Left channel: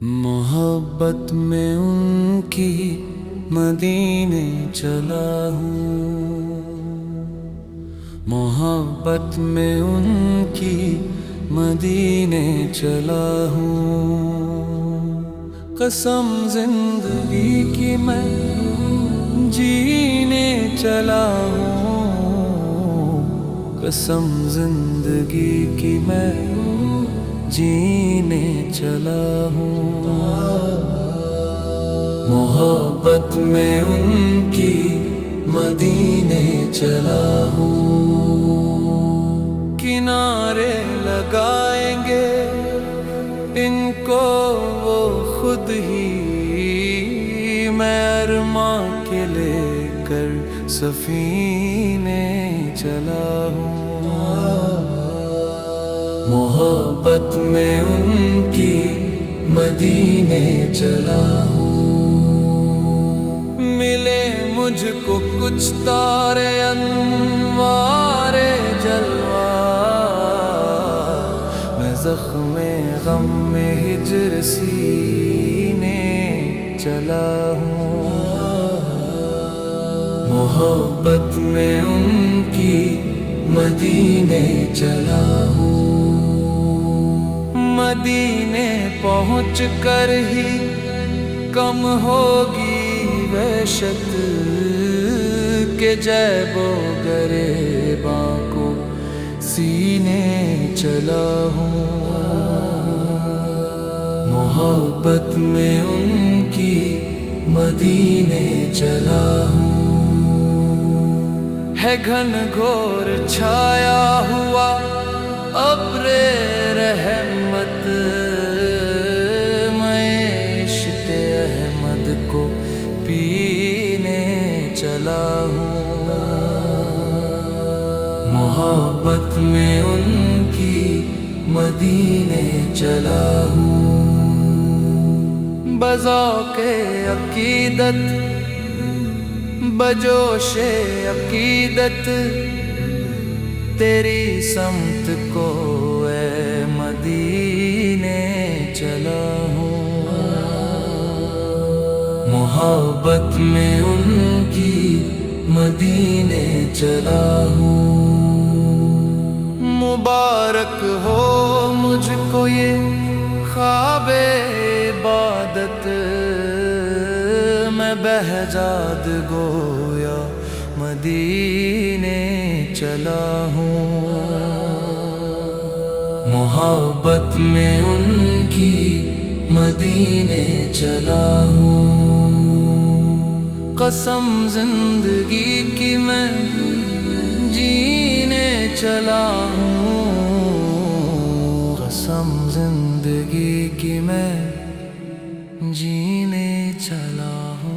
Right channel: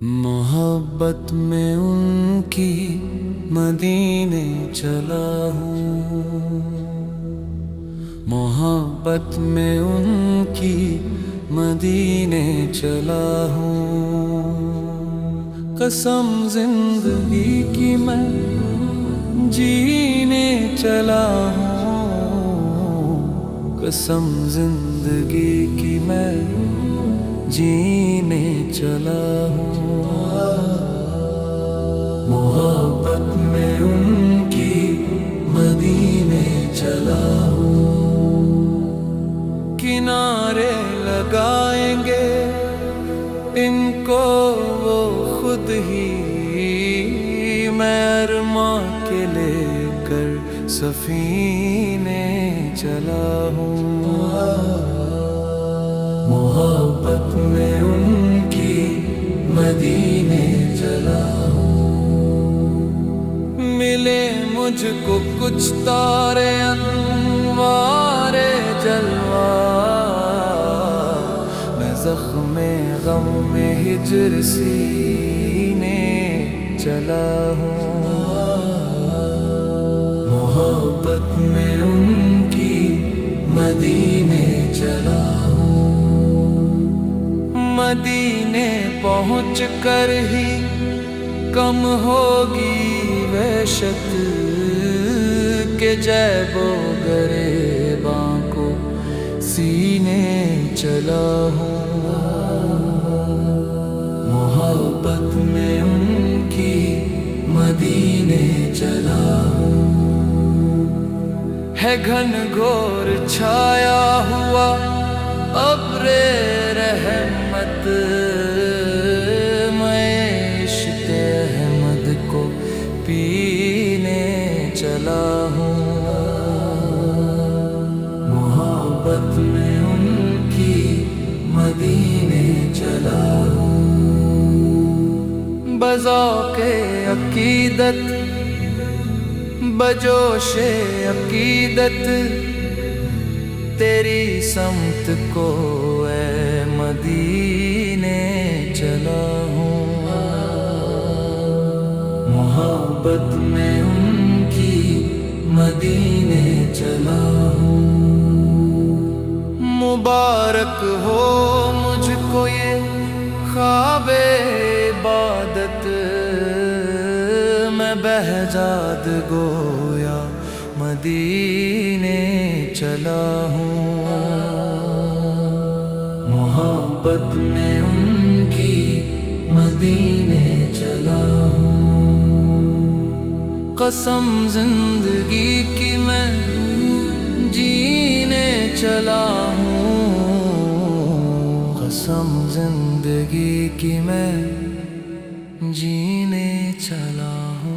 محبت میں ان کی مدینے چلا ہوں، محبت میں ان کی مدینے چلا ہوں، قسم زندگی کی میں جینے چلا ہوں، قسم زندگی کی میں جینے چلا ہوں، محبت میں ان کی مدینے چلا ہوں، کنارے لگائیں گے ان کو وہ خود ہی، میں ارماں کے لے کر سفینے چلا ہوں، محبت میں ان کی مدینے چلا ہوں، ملے مجھ کو کچھ تارے انوار جلوہ، میں زخم غم میں ہجر سینے چلا ہوں، محبت میں ان کی مدینے چلا ہوں، مدینے پہنچ کر ہی کم ہوگی وحشت کے جیب و گریباں کو سینے چلا ہوں، محبت میں ان کی مدینے چلا ہوں، ہے گھن گھور چھایا ہوا ابر رحمت، میں عشق احمد کو پینے چلا ہوں، محبت میں ان کی مدینے چلا ہوں، بذوق عقیدت بجوش عقیدت تیری سمت کو اے مدینے چلا ہوں، محبت میں ان کی مدینے چلا ہوں، مبارک ہو مجھ کو یہ خواب عبادت، میں بہجاد گویا مدینے چلا ہوں، محبت میں ان کی مدینے چلا ہوں، قسم زندگی کی میں جینے چلا ہوں، قسم زندگی کی میں جینے چلا ہوں۔